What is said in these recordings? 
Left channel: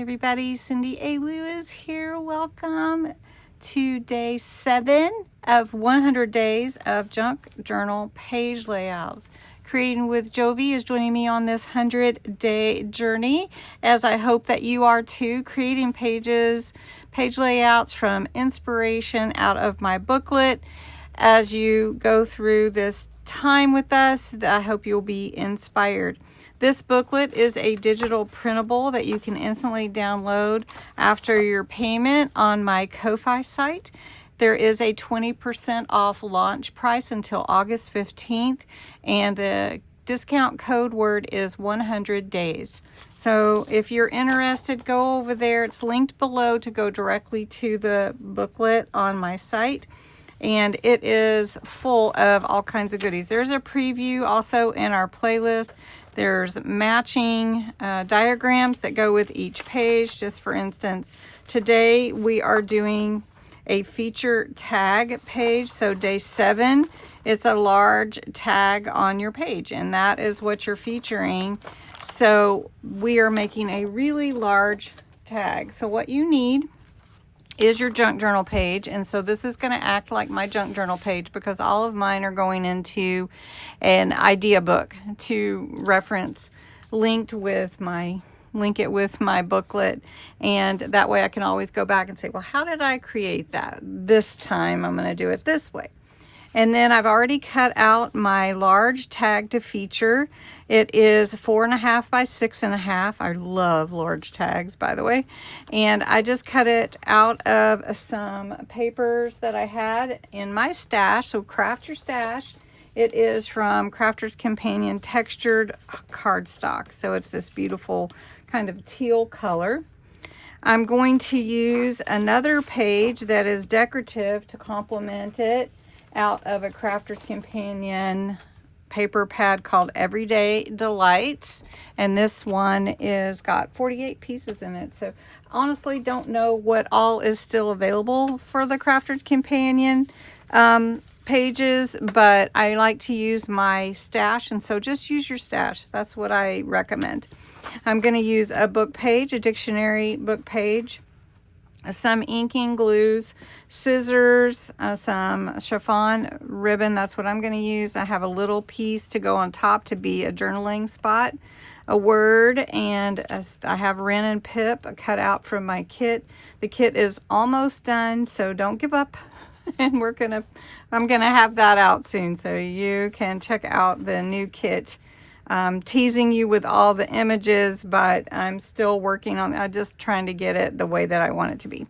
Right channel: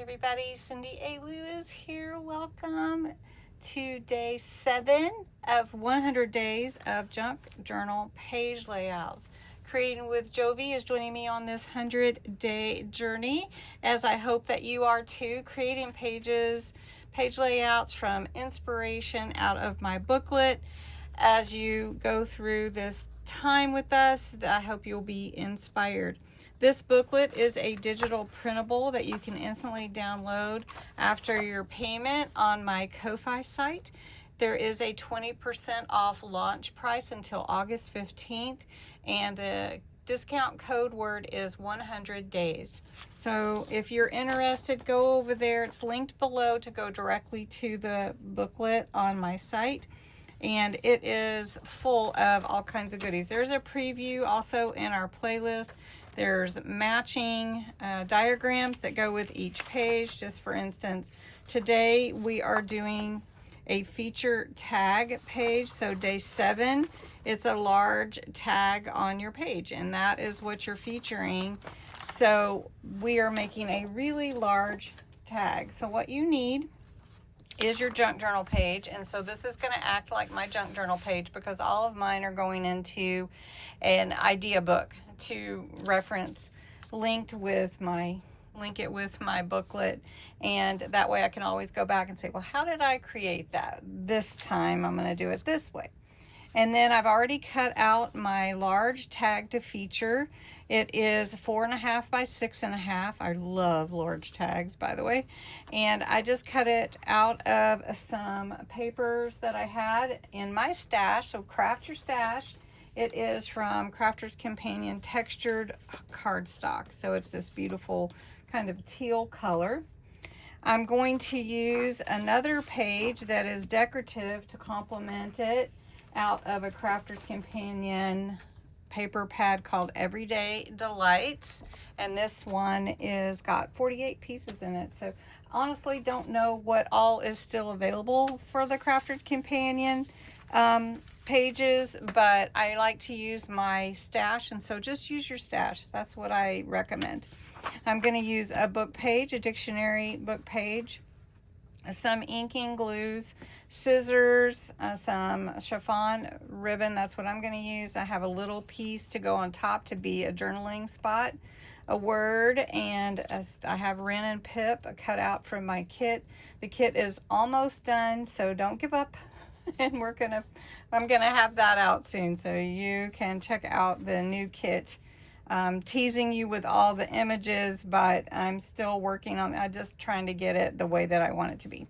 Everybody, Cindy A. Lewis here. Welcome to day 7 of 100 days of junk journal page layouts. Creating with Jovi is joining me on this 100-day journey, as I hope that you are too, creating page layouts from inspiration out of my booklet. As you go through this time with us, I hope you'll be inspired. This booklet is a digital printable that you can instantly download after your payment on my Ko-Fi site. There is a 20% off launch price until August 15th, and the discount code word is 100 days. So if you're interested, go over there. It's linked below to go directly to the booklet on my site. And it is full of all kinds of goodies. There's a preview also in our playlist. There's matching diagrams that go with each page. Just for instance, today we are doing a feature tag page. So day 7, it's a large tag on your page, and that is what you're featuring. So we are making a really large tag. So what you need is your junk journal page, and so this is going to act like my junk journal page because all of mine are going into an idea book to reference, link it with my booklet, and that way I can always go back and say, well, how did I create that? This time I'm going to do it this way. And then I've already cut out my large tag to feature. It is 4.5 by 6.5. I love large tags, by the way. And I just cut it out of some papers that I had in my stash. So craft your stash. It is from Crafter's Companion textured cardstock. So it's this beautiful kind of teal color. I'm going to use another page that is decorative to complement it, out of a Crafter's Companion paper pad called Everyday Delights, and this one is got 48 pieces in it. So honestly don't know what all is still available for the Crafter's Companion pages, but I like to use my stash, and so just use your stash. That's what I recommend. I'm going to use a book page, a dictionary book page, some inking glues, scissors, some chiffon ribbon. That's what I'm going to use. I have a little piece to go on top to be a journaling spot, a word, and I have Ren and Pip cut out from my kit. The kit is almost done, so don't give up. And I'm gonna have that out soon, so you can check out the new kit. I'm teasing you with all the images, but I'm still working on it. I'm just trying to get it the way that I want it to be.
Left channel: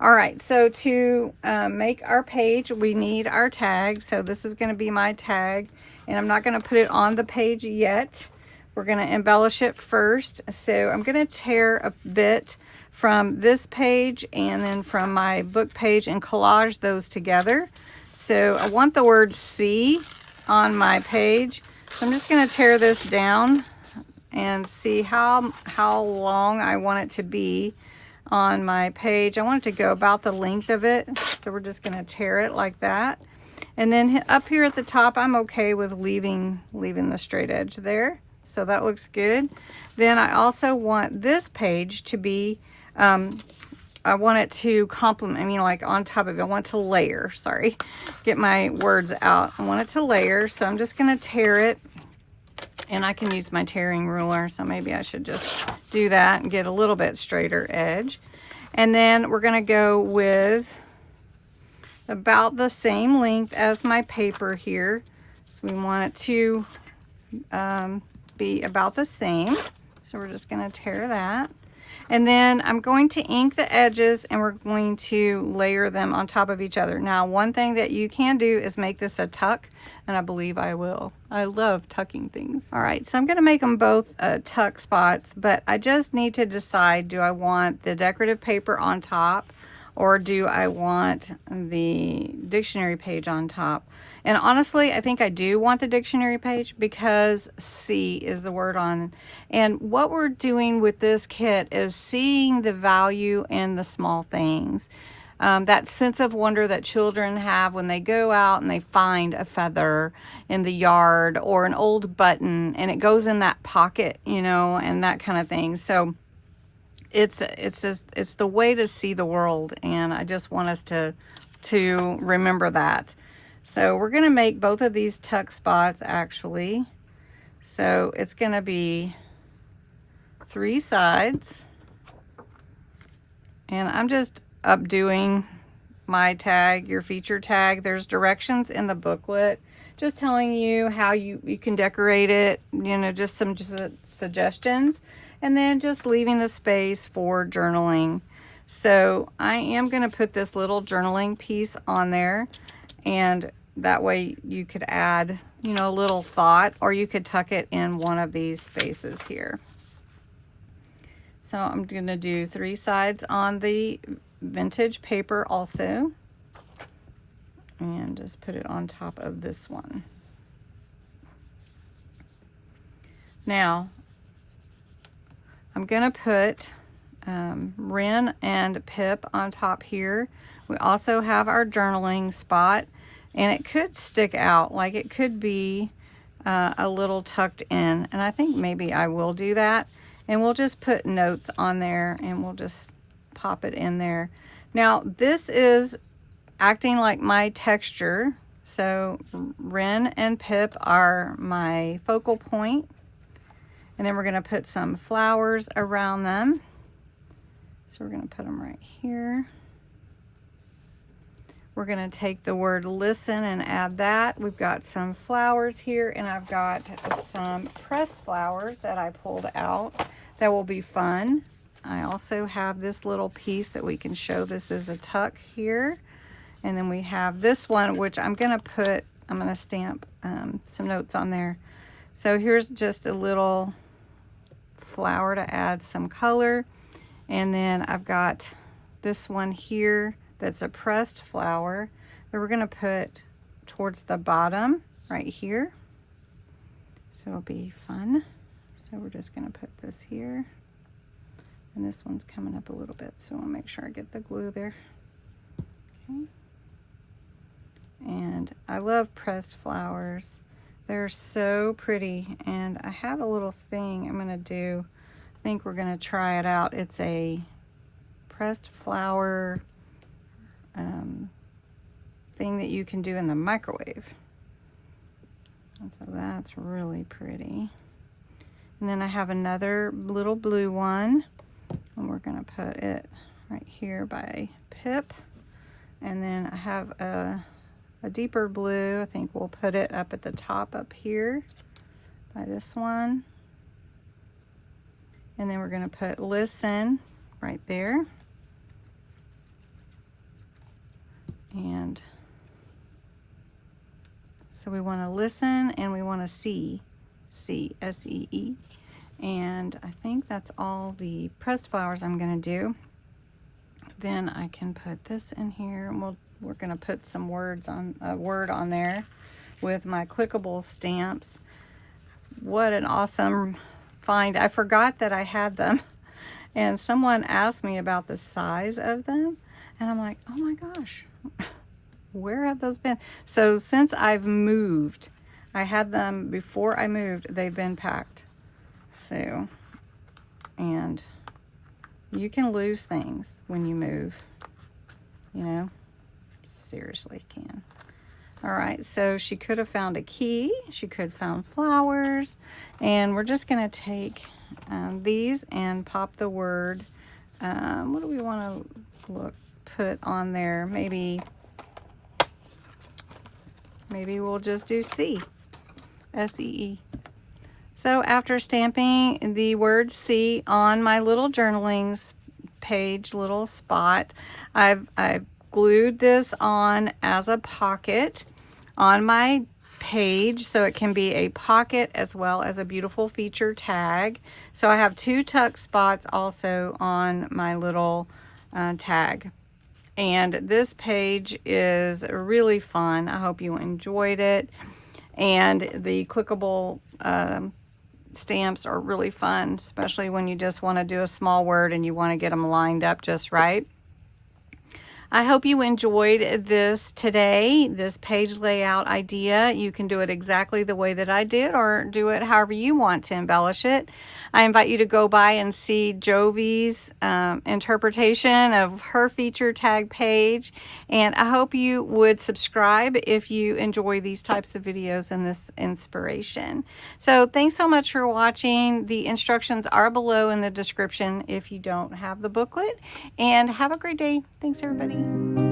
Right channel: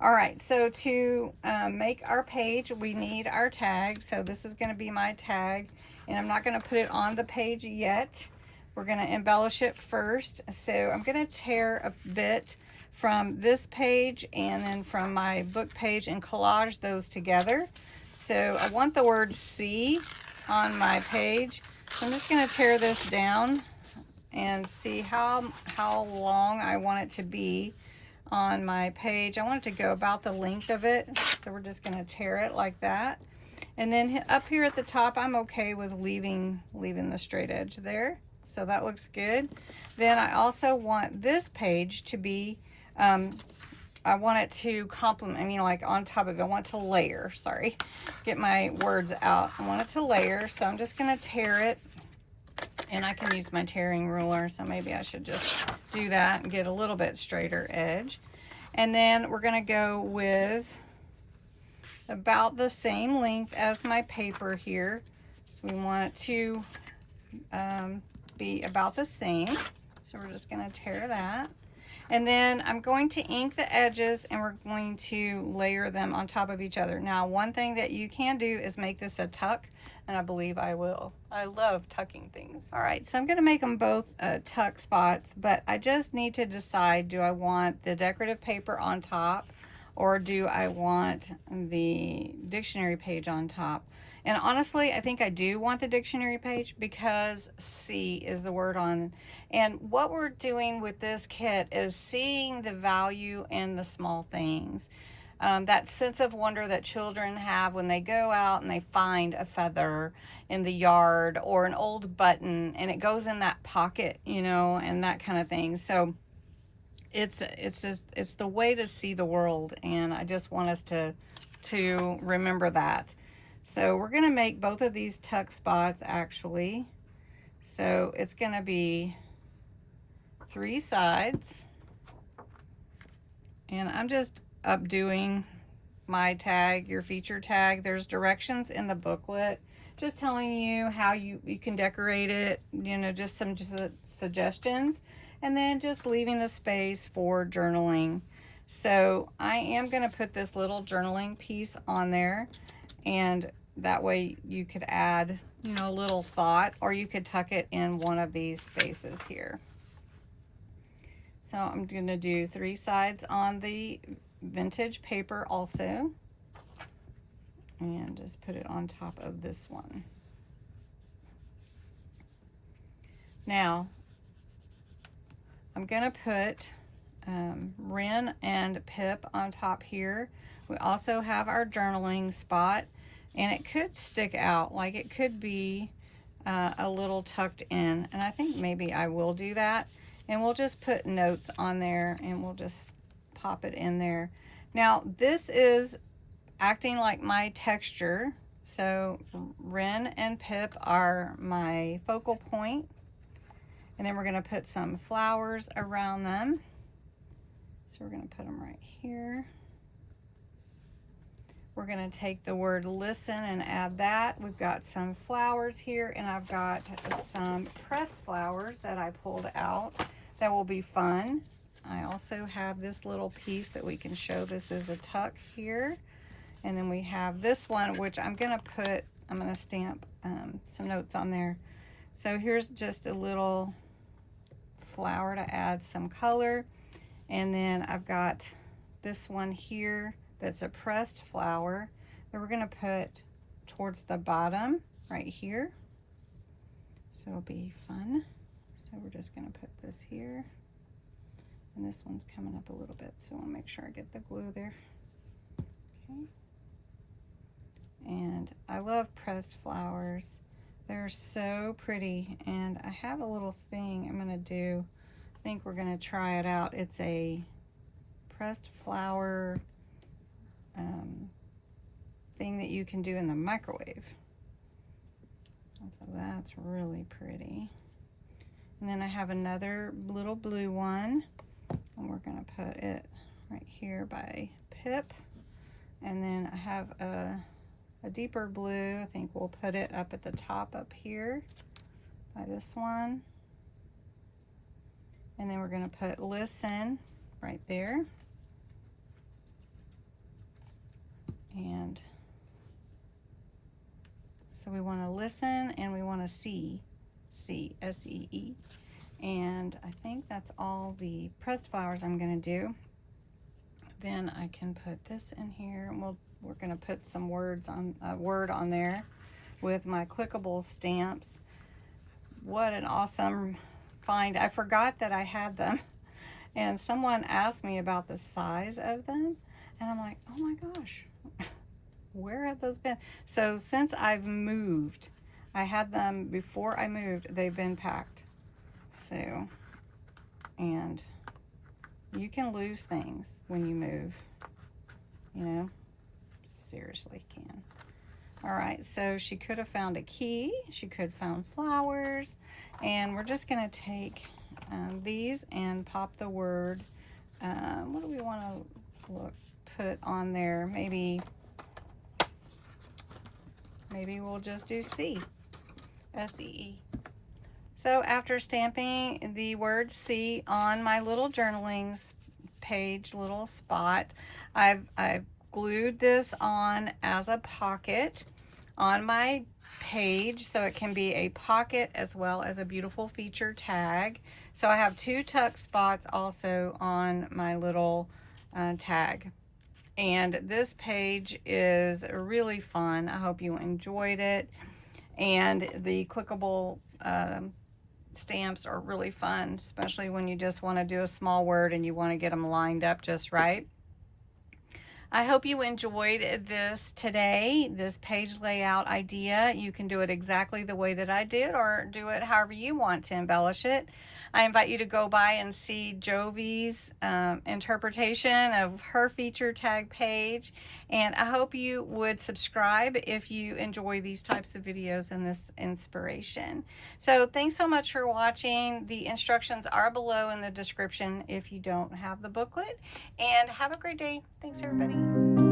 All right, so to make our page, we need our tag. So this is going to be my tag, and I'm not going to put it on the page yet. We're going to embellish it first. So I'm going to tear a bit from this page and then from my book page and collage those together. So I want the word "see" on my page. So I'm just going to tear this down and see how long I want it to be on my page. I want it to go about the length of it. So we're just going to tear it like that. And then up here at the top, I'm okay with leaving the straight edge there. So that looks good. Then I also want this page to be, I want it to complement, like on top of it. I want it to layer, sorry. Get my words out. I want it to layer, so I'm just going to tear it. And I can use my tearing ruler, so maybe I should just do that and get a little bit straighter edge. And then we're going to go with about the same length as my paper here. So we want it to be about the same. So we're just going to tear that. And then I'm going to ink the edges, and we're going to layer them on top of each other. Now, one thing that you can do is make this a tuck, and I believe I will. I love tucking things. All right, so I'm going to make them both tuck spots, but I just need to decide, do I want the decorative paper on top, or do I want the dictionary page on top? And honestly, I think I do want the dictionary page because "see" is the word on. And what we're doing with this kit is seeing the value in the small things. That sense of wonder that children have when they go out and they find a feather in the yard or an old button and it goes in that pocket, and that kind of thing. So it's the way to see the world, and I just want us to remember that. So we're going to make both of these tuck spots actually. So it's going to be 3 sides, and I'm just updoing my tag, your feature tag. There's directions in the booklet just telling you how you can decorate it, you know, just some suggestions, and then just leaving a space for journaling. So I am going to put this little journaling piece on there, and that way you could add, you know, a little thought, or you could tuck it in one of these spaces here. So I'm going to do 3 sides on the vintage paper also, and just put it on top of this one. Now I'm going to put Ren and Pip on top here. We also have our journaling spot, and it could stick out, like it could be a little tucked in, and I think maybe I will do that, and we'll just put notes on there, and we'll just pop it in there. Now this is acting like my texture, so Ren and Pip are my focal point, and then we're going to put some flowers around them. So we're going to put them right here. We're going to take the word listen and add that. We've got some flowers here, and I've got some pressed flowers that I pulled out that will be fun. I also have this little piece that we can show this is a tuck here. And then we have this one, which I'm going to stamp some notes on there. So here's just a little flower to add some color. And then I've got this one here that's a pressed flower that we're going to put towards the bottom right here. So it'll be fun. So we're just going to put this here. And this one's coming up a little bit, so I'll make sure I get the glue there. Okay. And I love pressed flowers. They're so pretty, and I have a little thing I'm going to do. I think we're going to try it out. It's a pressed flower thing that you can do in the microwave. And so that's really pretty. And then I have another little blue one, and we're going to put it right here by Pip. And then I have a deeper blue. I think we'll put it up at the top up here by this one. And then we're going to put listen right there. And so we want to listen, and we want to see, S-E-E. And I think that's all the pressed flowers I'm going to do. Then I can put this in here, and we're going to put some words on a word on there with my clickable stamps. What an awesome find. I forgot that I had them, and someone asked me about the size of them, and I'm like, oh my gosh, where have those been? So since I've moved, I had them before I moved, they've been packed. So, and you can lose things when you move, you know, seriously can. All right, so she could have found a key, she could have found flowers, and we're just going to take these and pop the word, what do we want to put on there? Maybe we'll just do C, S-E-E. So after stamping the word C on my little journalings page, little spot, I've glued this on as a pocket on my page, so it can be a pocket as well as a beautiful feature tag. So I have 2 tuck spots also on my little tag. And this page is really fun. I hope you enjoyed it. And the clickable stamps are really fun, especially when you just want to do a small word and you want to get them lined up just right. I hope you enjoyed this today, this page layout idea. You can do it exactly the way that I did, or do it however you want to embellish it. I invite you to go by and see Jovi's interpretation of her feature tag page, and I hope you would subscribe if you enjoy these types of videos and this inspiration. So thanks so much for watching. The instructions are below in the description if you don't have the booklet, and have a great day. Thanks everybody.